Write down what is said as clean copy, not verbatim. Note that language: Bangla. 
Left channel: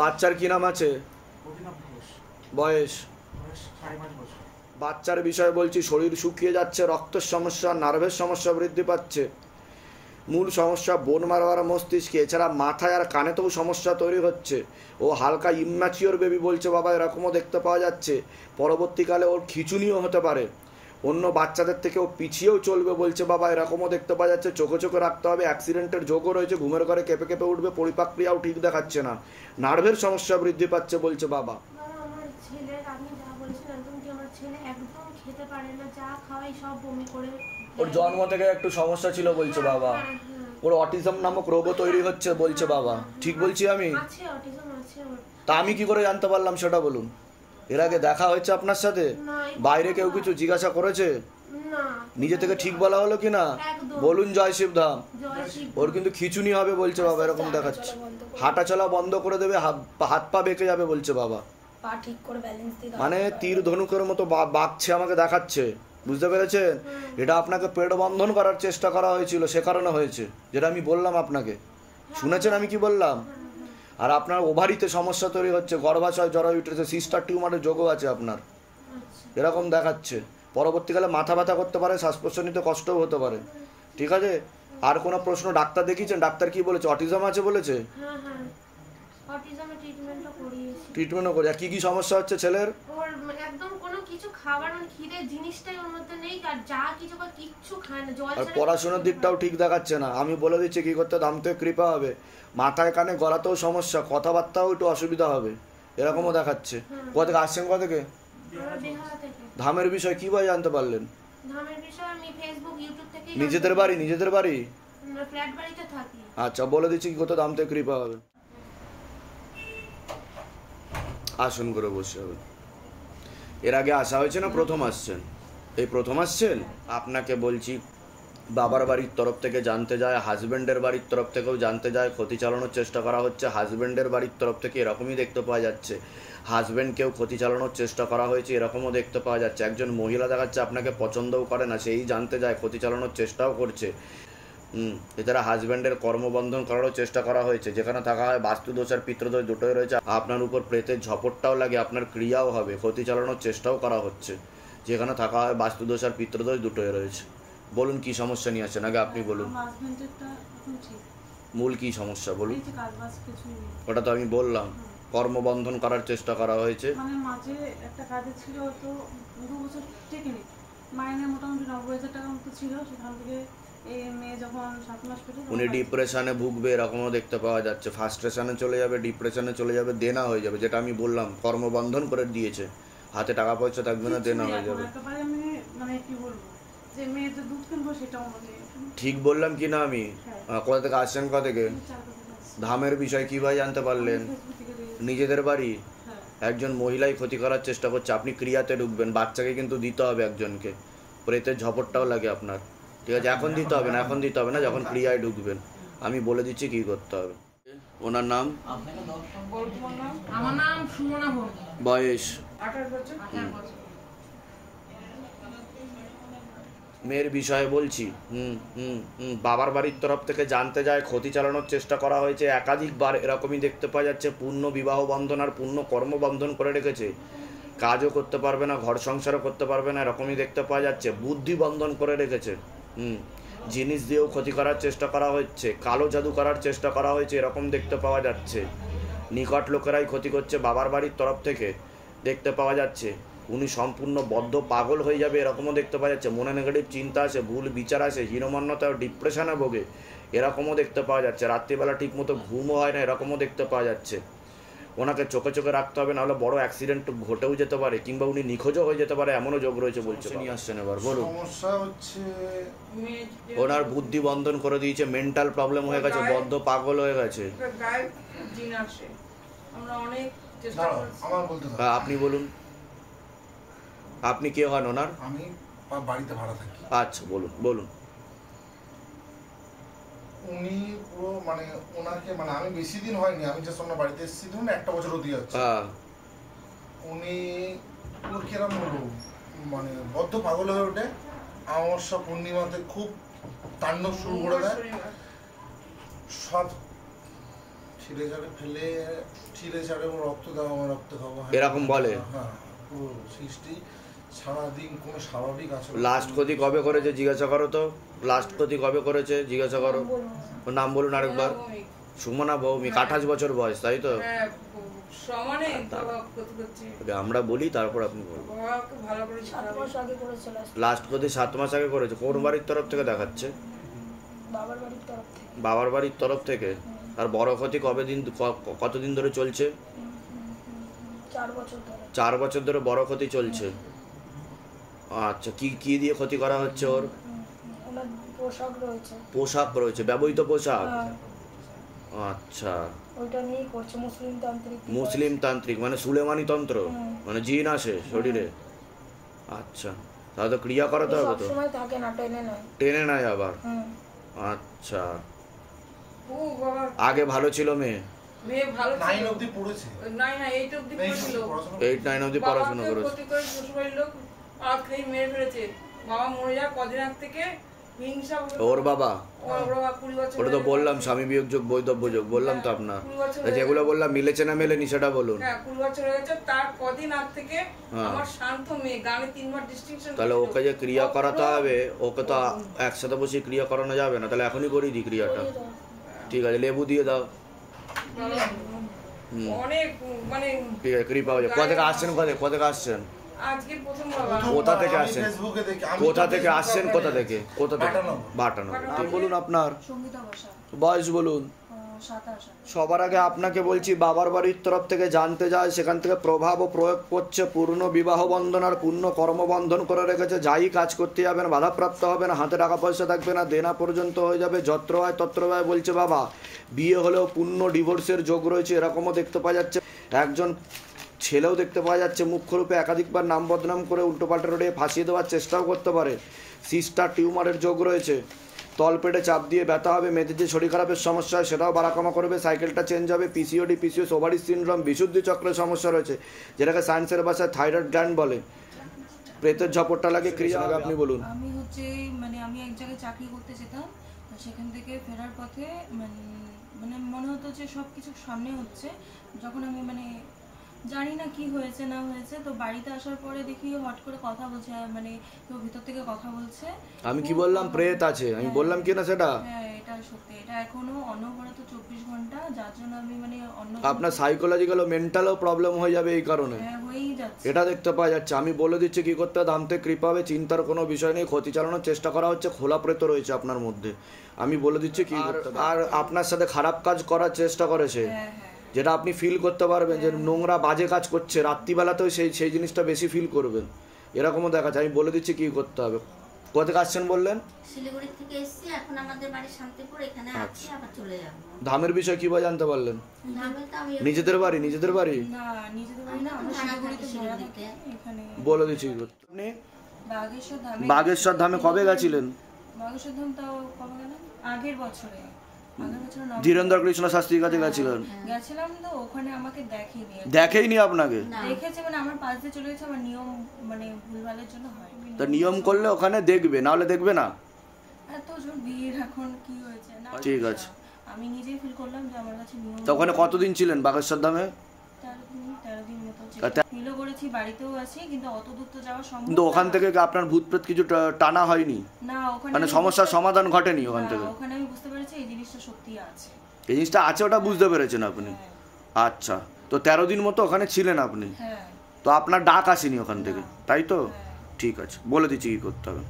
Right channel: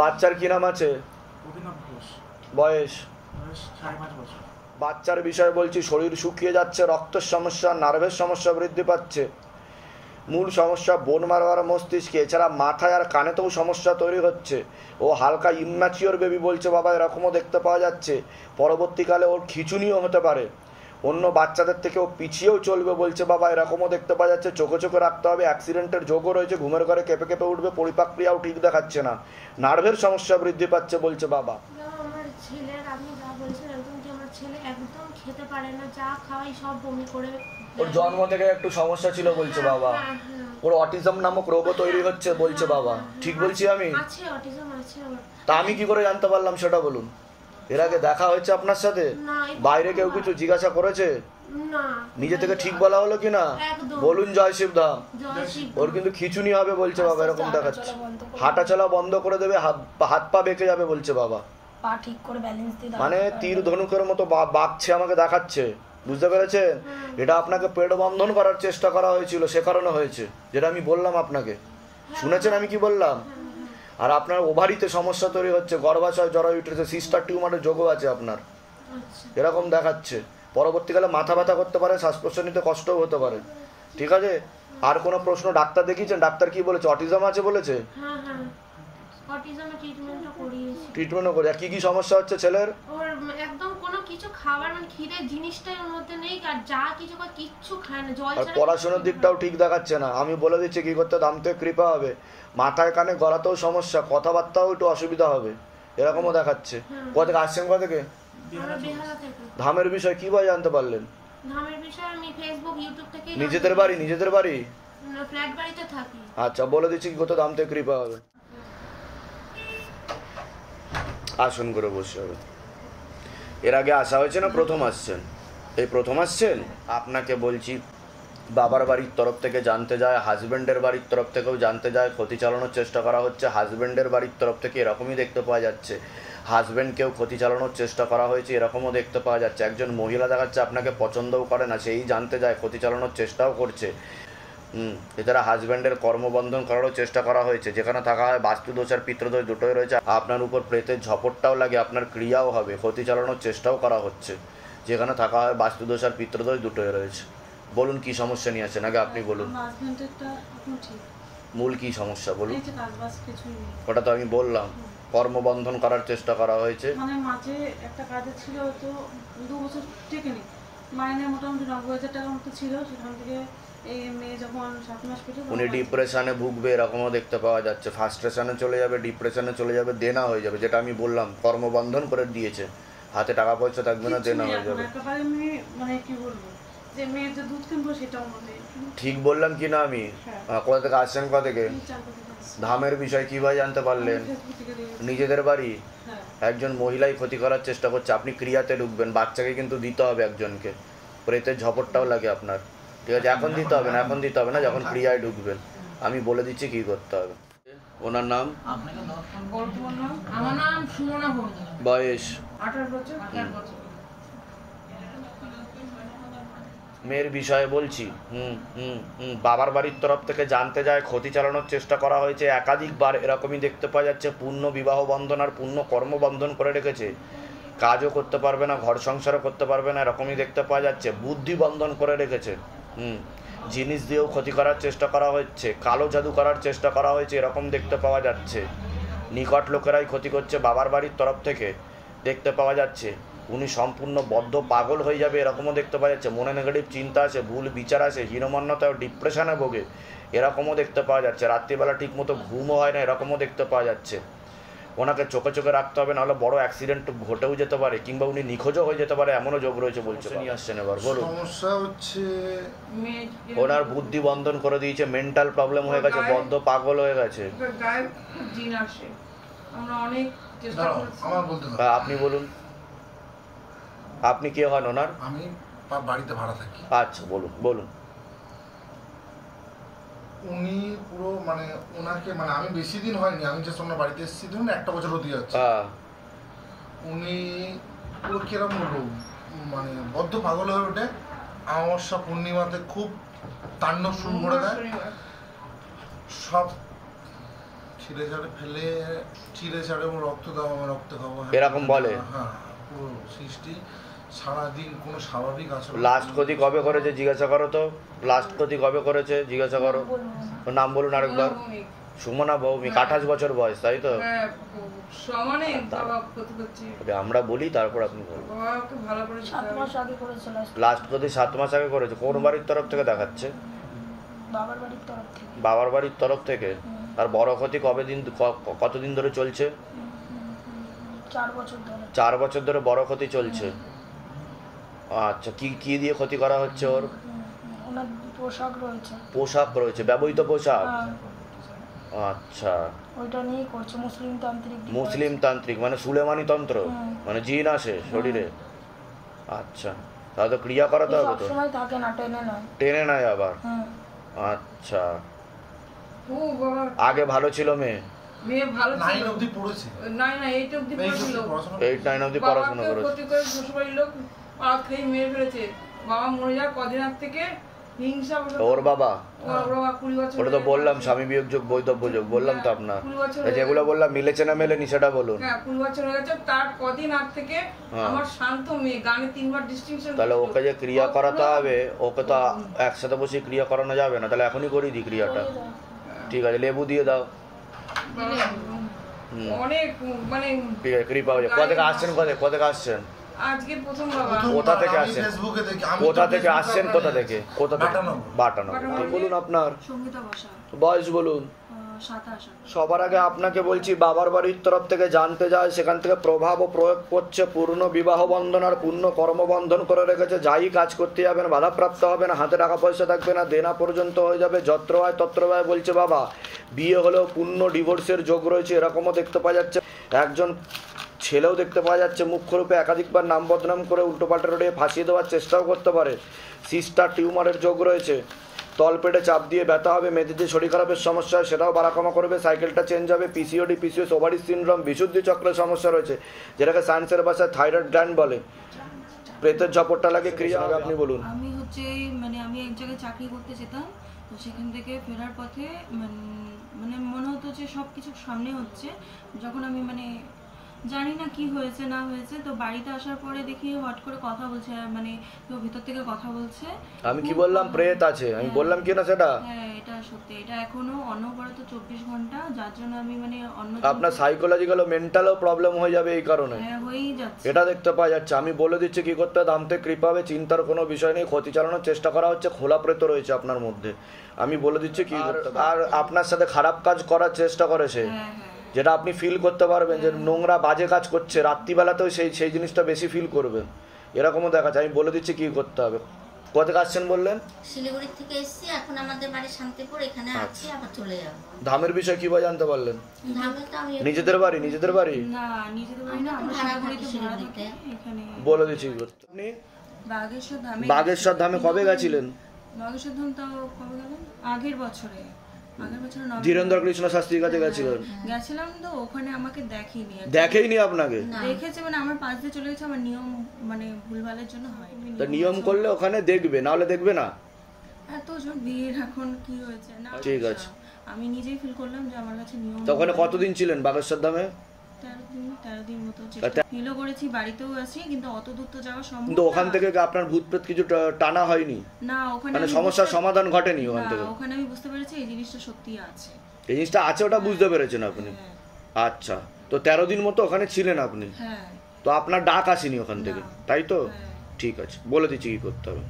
বাচ্চার কি নাম আছে? বয়স? বাচ্চার বিষয় বলছি, শরীর শুকিয়ে যাচ্ছে, রক্তের সমস্যা, নার্ভের সমস্যা বৃদ্ধি পাচ্ছে, মূল সমস্যা বোন মারো আর মস্তিষ্কে, এছাড়া মাথায় আর কানেতেও সমস্যা তৈরি হচ্ছে। ও হালকা ইম্যাচিওর বেবি বলছে বাবা, এরকমও দেখতে পাওয়া যাচ্ছে। পরবর্তীকালে ওর খিচুনিও হতে পারে, অন্য বাচ্চাদের থেকেও পিছিয়েও চলবে বলছে বাবা, এরকমও দেখতে পাওয়া যাচ্ছে। চোখে চোখে রাখতে হবে, অ্যাক্সিডেন্টের যোগও রয়েছে, ঘুমের ঘরে কেঁপে কেঁপে উঠবে, পরিপাক ক্রিয়াও ঠিক দেখাচ্ছে না, নার্ভের সমস্যা বৃদ্ধি পাচ্ছে বলছে বাবা। আমার ছেলের, আপনি যা বলছেন একদম কি, আমার ছেলে একদম খেতে পারে না, যা খাওয়াই সব বমি করে। ওর জন্ম থেকে একটু সমস্যা ছিল বলছে বাবা, ওর অটিজম নামক রোগও তৈরি হচ্ছে বলছে বাবা। ঠিক বলছি আমি? আছে, অটিজম আছে ওর। তা আমি কি করে জানতে পারলাম সেটা বলুন? এর আগে দেখা হয়েছে আপনার সাথে? বাইরে কেউ কিছু জিজ্ঞাসা করেছে? নিজে থেকে ঠিক বলা হলো কি না? বলুন জয় শিবধাম। ওর কিন্তু খিচুনি হবে বলছে বাবা, এরকম দেখাচ্ছে। হাঁটা চলা বন্ধ করে দেবে, হাত পা বেঁকে যাবে বলছে বাবা। মানে তীর ধনুকের মতো বাঁকছে, আমাকে দেখাচ্ছে, বুঝতে পেরেছেন? এটা আপনাকে পেট বন্ধন করার চেষ্টা করা হয়েছিল, সে কারণে হয়েছে, যেটা আমি বললাম আপনাকে। শুনেছেন আমি কি বললাম? আর আপনার ওভারিতে সমস্যা তৈরি হচ্ছে, গর্ভাশয় জরায়ুতে সিস্টার টিউমারের যোগও আছে আপনার, এরকম দেখাচ্ছে। পরবর্তীকালে মাথা ব্যথা করতে পারে, শ্বাস প্রশ্বাস নিতে কষ্টও হতে পারে। ঠিক আছে, আর কোনো প্রশ্ন? ডাক্তার দেখিয়েছেন? ডাক্তার কি বলেছে? অটিজম আছে বলেছে? ট্রিটমেন্টও করে। কি কি সমস্যা হচ্ছে ছেলের? একদম কোনো কিছু খাবার, মানে খিদে জিনিসটাই ওর মধ্যে নেই, আর যা কিছু কিচ্ছু খায় না, জল ছাড়া। পড়াশোনার দিকটাও ঠিক দেখাচ্ছে না। আমি বলে দিচ্ছি কি করতে, দাম থেকে কৃপা হবে। মাথায় কানে গলাতেও সমস্যা, কথাবার্তাও একটু অসুবিধা হবে, এরকমও দেখাচ্ছে। কোথা থেকে আসছেন? কোথা থেকে? ধামের বিষয় কি ভাই জানতে পারলেন? ধামের বিষয় আমি ফেসবুক ইউটিউব থেকে। নিজেদের বাড়ি? নিজেদের বাড়ি? না, ফ্ল্যাট বাড়িতে থাকি। আচ্ছা, বলে দিচ্ছি কি করতে, দাম থেকে কৃপা হবে। আসন করে বসে হবে। এর আগে আসা হয়েছে না প্রথম আসছেন? এই প্রথম আসছেন? আপনাকে বলছি, বাবার বাড়ির তরফ থেকে জানতে যায়, হাজব্যান্ডের বাড়ির তরফ থেকেও জানতে যায়, ক্ষতি চালানোর চেষ্টা করা হচ্ছে। হাজব্যান্ডের বাড়ির তরফ থেকে এরকমই দেখতে পাওয়া যাচ্ছে, হাজব্যান্ডকেও ক্ষতি চালানোর চেষ্টা করা হয়েছে, এরকমও দেখতে পাওয়া যাচ্ছে। একজন মহিলা দেখাচ্ছে আপনাকে পছন্দও করে না, সেই জানতে যায়, ক্ষতি চালানোর চেষ্টাও করছে। এছাড়া হাজব্যান্ডের কর্মবন্ধন করারও চেষ্টা করা হয়েছে। যেখানে থাকা হয় বাস্তুদোষ আর পিতৃদোষ দুটোই রয়েছে। আপনার উপর প্রেতের ঝপটটাও লাগে, আপনার ক্রিয়াও হবে, ক্ষতি চালানোর চেষ্টাও করা হচ্ছে। যেখানে থাকা হয় বাস্তুদোষ আর পিতৃদোষ দুটোই রয়েছে। বলুন কি সমস্যা নিয়ে আছেন, আগে আপনি বলুন। মূল কি সমস্যা বলুন? ওটা তো আমি বললাম, কর্মবন্ধন করার চেষ্টা করা হয়েছে। মানে মাঝে একটা কাজে ছিল, তো 2 বছর টেকেনি, মাইনে মোটামুটি 90,000 টাকার মতো ছিল। সেখান থেকে এই মেয়ে যখন 7 মাস পেটে, উনি ডিপ্রেশনে ভুগবে, এরকমও দেখতে পাওয়া যাচ্ছে। ফার্স্ট্রেশনে চলে যাবে, ডিপ্রেশনে চলে যাবে, দেনা হয়ে যাবে, যেটা আমি বললাম, কর্মবন্ধন করে দিয়েছে, হাতে টাকা পয়সা থাকবে না, দেনা হয়ে যাবে। মানে কি বলবো, যে মেয়ের যে দুধ কিনবো সেটাও নেই। ঠিক বললাম কি না আমি? কোথা থেকে আসছেন? কোথা থেকে? ধামের বিষয় কিভাবে জানতে পারলেন? নিজেদের বাড়ি? একজন মহিলাই ক্ষতি করার চেষ্টা করছে, আপনি ক্রিয়াতে ঢুকবেন, বাচ্চাকে কিন্তু দিতে হবে একজনকে, প্রেতের ঝপটটাও লাগে আপনার। ঠিক আছে, এখন দিতে হবে না, এখন দিতে হবে না, যখন ক্রিয়ায় ঢুকবেন আমি বলে দিচ্ছি কি করতে হবে। ওনার নাম? আমার নাম সুমনা ঘোষ। বয়স? 18 বছর। মেয়ের বিষয়ে বলছি। বাবার বাড়ির তরফ থেকে জানতে যায়, ক্ষতি চালানোর চেষ্টা করা হয়েছে একাধিকবার, এরকমই দেখতে পাওয়া যাচ্ছে। পূর্ণ বিবাহ বন্ধন আর পূর্ণ কর্মবন্ধন করে রেখেছে, কাজও করতে পারবে না, ঘর সংসারও করতে পারবে না, এরকমই দেখতে পাওয়া যাচ্ছে। বুদ্ধি বন্ধন করে রেখেছে, জিনিস দিয়েও ক্ষতি করার চেষ্টা করা হচ্ছে, কালো জাদু করার চেষ্টা করা হয়েছে, এরকম দেখতে পাওয়া যাচ্ছে। নিকট লোকেরাই ক্ষতি করছে বাবার বাড়ির তরফ থেকে, দেখতে পাওয়া যাচ্ছে। উনি সম্পূর্ণ বদ্ধ পাগল হয়ে যাবে, এরকমও দেখতে পাওয়া যাচ্ছে। মনে নেগেটিভ চিন্তা আসে, ভুল বিচার আসে, হীনমন্যতা ও ডিপ্রেশনে ভোগে, এরকমও দেখতে পাওয়া যাচ্ছে। রাত্রিবেলা ঠিক মতো ঘুমও হয় না, এরকমও দেখতে পাওয়া যাচ্ছে। ওনাকে চোখে চোখে রাখতে হবে, নাহলে বড় অ্যাক্সিডেন্ট ঘটেও যেতে পারে, কিংবা উনি নিখোঁজও হয়ে যেতে পারে, এমনও যোগ রয়েছে বলছে। নিয়ে আসছেন এবার বলুন। সমস্যা হচ্ছে ওনার বুদ্ধি বন্ধন করে দিয়েছে, মেন্টাল প্রবলেম হয়ে গেছে, বদ্ধ পাগল হয়ে গেছে। আপনি বলুন, আপনি কে হন ওনার? আমি বাড়িতে ভাড়া থাকি। আচ্ছা, বলুন বলুন। উনি পুরো মানে ওনাকে, মানে আমি বেশি দিন হয়নি, আমি যে সঙ্গে বাড়িতে এসেছি ধরুন 1 বছর হতে যাচ্ছে। উনি পুরো কিরম বলবো, মানে বদ্ধ পাগল হয়ে ওঠে। অমাবস্যা পূর্ণিমাতে খুব তাণ্ডব শুরু করে দেয়, সব ছিঁড়ে ছাড়ে ফেলে ছিঁড়ে ছাড়ে ও রক্ত দাও, আমার রক্ত খাবো, এরকম বলে? হ্যাঁ, পুরো সৃষ্টি সারাদিন কোনো স্বাভাবিক আচরণ। লাস্ট ক্ষতি কবে করেছে জিজ্ঞাসা করো তো, লাস্ট ক্ষতি কবে করেছে জিজ্ঞাসা করো। ওর নাম বলুন আরেকবার। সুমনা ভৌমিক, 28 বছর বয়স, তাই তো? সমানে বাবা ক্ষতি করছে। আমরা বলি তারপর আপনি বলুন। বাবাকে ভালো করে 7 মাস আগে করেছে লাস্ট ক্ষতি 7 মাস আগে করেছে। কোন বাড়ির তরফ থেকে দেখাচ্ছে? বাবার বাড়ির তরফ থেকে। বাবার বাড়ির তরফ থেকে। আর বড় ক্ষতি কতদিন ধরে চলছে? 4 বছর ধরে। 4 বছর ধরে বড় ক্ষতি চলছে। আচ্ছা, কি কি দিয়ে ক্ষতি করা হচ্ছে ওর? ওনার পোশাক রয়েছে। পোশাক রয়েছে, ব্যবহৃত পোশাক। হ্যাঁ, আচ্ছা, ওইটা নিয়েই করছে মুসলিম তান্ত্রিক। মুসলিম তান্ত্রিক মানে সুলেমানি তন্ত্র, মানে জিন আসে শরীরে। আচ্ছা, তাহলে তো ক্রিয়া করাতে হবে তো। সবসময় থাকে না, টেনে না। টেনে নেয় আবার। আচ্ছা, আগে ভালো ছিল মেয়ে? মেয়ে ভালো 9 অবধি পড়েছে। 8 অবধি পড়েছিল। 8-9 অবধি পড়াশোনা করেছে। ক্ষতি করে শ্বশুরবাড়ির লোক আর খেয়ে মেরে ফেলেছে। বাবা মরে যাওয়ার কদিন আগ থেকে হিংসা। ওর বাবা? ওটা তো বললাম, স্বামী বিয়োগ যোগ বৈধব্য যোগ বললাম তো আপনার। যেগুলো বললাম মিলেছে না মেলেনি সেটা বলুন। হ্যাঁ, 20 বছর হয়ে গেছে। তার কদিন আগ থেকে আমার শান্ত মেয়ে গানে 3 বার ডিস্টিংশন। তাহলে ওকে যে ক্রিয়া করাতে হবে, ওকে তো একসাথে বসে ক্রিয়া করানো যাবে না। তাহলে এখনই করিয়ে দিই ক্রিয়াটা। ঠিক আছে, লেবু দিয়ে দাও। অনেক মানে ঠিক আছে, কৃপা হয়ে যাবে। কোথা থেকে আসছেন? কোথা থেকে আসছেন? আজকে প্রথম বাবা। কোথা থেকে আসছেন? ফেসবুকে দেখি। কোথা থেকে আসছেন? কোথা থেকে? কোথা থেকে? বাটানগর। বলুন আপনার সঙ্গীতা বসা, বয়স বলুন। 27। সবার আগে আপনাকে বলছি, বাবার বাড়ির তরফ থেকে জানতে যায়, সেখান থেকে প্রভাব ও প্রয়োগ করছে। পূর্ণ বিবাহ বন্ধন আর পূর্ণ কর্মবন্ধন করে রেখেছে। যাই কাজ করতে যাবেন বাধাপ্রাপ্ত হবে না, হাতে টাকা পয়সা থাকবে না, দেনা পর্যন্ত হয়ে যাবে। যত্র হয় তত্র হয় বলছে বাবা। বিয়ে হলেও পূর্ণ ডিভোর্সের যোগ রয়েছে, এরকমও দেখতে পাওয়া যাচ্ছে। একজন ছেলেও দেখতে পাওয়া যাচ্ছে মুখ্যরূপে একাধিকবার নাম বদনাম করে উল্টোপাল্টা রোডে ফাঁসিয়ে দেওয়ার চেষ্টাও করতে পারে। সিস্টার টিউমারের যোগ রয়েছে। তলপেটে চাপ দিয়ে ব্যথা হবে। মেয়েদের যে শরীর খারাপের সমস্যা হয় সেটাও বাড়াকমা করবে। সাইকেলটা চেঞ্জ হবে। পিসিওডি, পিসিওএস, ওভারি সিনড্রোম, বিশুদ্ধি চক্রের সমস্যা রয়েছে, যেটাকে সায়েন্সের ভাষায় থাইরয়েড গ্ল্যান্ড বলে। প্রেতের ঝপটটা লাগে। ক্রিয়া আপনি বলুন। আমি হচ্ছে মানে আমি এক জায়গায় চাকরি করতে যেতাম, তো সেখান থেকে ফেরার পথে মানে মনে হতো যে সব কিছু সামনে হচ্ছে। যখন আমি মানে জানি না কি হয়েছে না হয়েছে, তো বাড়িতে আসার পরে দেখি হট করে কথা বলছে, মানে কেউ ভিতর থেকে কথা বলছে। আমি কি বললাম প্রেত আছে? আমি বললাম কি না সেটা? হ্যাঁ, এটা সত্যি। এটা এখনো অনবরত 24 ঘন্টা, যার জন্য আমি মানে আপনার সাইকোলজিক্যাল ও মেন্টালও প্রবলেম হয়ে যাবে এই কারণে। হ্যাঁ, হয়েই যাচ্ছে। এটা দেখতে পাওয়া যাচ্ছে। আমি বলে দিচ্ছি কি করতে হবে। দামতে কৃপা হবে, চিন্তার কোনো বিষয় নেই। ক্ষতি চালানোর চেষ্টা করা হচ্ছে। খোলা প্রেত রয়েছে আপনার মধ্যে। আমি বলে দিচ্ছি কি করতে হবে। আর আপনার সাথে খারাপ কাজ করার চেষ্টা করেছে, যেটা আপনি ফিল করতে পারবেন যে নোংরা বাজে কাজ করছে। রাত্রিবেলাতেও সেই জিনিসটা বেশি ফিল করবেন, এরকমও দেখা যায়। আমি বলে দিচ্ছি কি করতে হবে। কোথা থেকে আসছেন বললেন? শিলিগুড়ি থেকে এসেছি, এখন আমাদের বাড়ি শান্তিপুর, এখানে আছি, আবার চলে যাব। ধামের বিষয় কি বা জানতে পারলেন? ধামে তো আমি নিজেদের বাড়ি? নিজেদের বাড়ি না, নিজেদের বাড়ি না, আমরা শিলিগুড়িতে ভাড়া থাকি। এখানে বলে দিচ্ছি কি করতে। আপনি বাগেশ্বর ধামে। বাগেশ্বর ধামে কবে গেছিলেন? বাগেশ্বর ধাম তাও কবে গেলাম? আগের বছরে ধীরেন্দ্র কৃষ্ণ শাস্ত্রীর কাছে গেছিলেন? গেছিলাম, তো ওখানে আমাকে দেখেনি আপনাকে? দেখেছে মানে আমার পাশ দিয়ে চলে গেছে। আমার নিয়ম মানে ভুলভালের জন্য হয়। তো নিয়ম করলে ওখানে দেখবে, না হলে দেখবে না। এত জোর ভিড়, এখন কি হয়েছে না। ঠিক আছে, আমি নিজেই ফিল করলাম যে আমার কাছে নিয়ম। তো ওখানে কতদিন ছিলেন বাগেশ্বর ধামে? 13 দিন মতো ফিলও করেছি, বাড়িতেও আছি, কিন্তু অত দূর তো যাওয়া সম্ভব না। কিন্তু ওখান থেকে আপনার ভূত প্রেত কিছু টানা হয়নি? না, ওখানে মানে সমস্যার সমাধান ঘটেনি ওখান থেকে? ওখানে আমি বুঝতে পেরেছি এই জিনিসটা সত্যি আছে। এই জিনিসটা আছে, ওটা বুঝতে পেরেছেন আপনি? আচ্ছা, তো 13 দিন মতো ওখানে ছিলেন আপনি? হ্যাঁ। তো আপনার ডাক আসেনি ওখান থেকে, তাই তো? ঠিক আছে, বলে দিচ্ছি কি করতে হবে।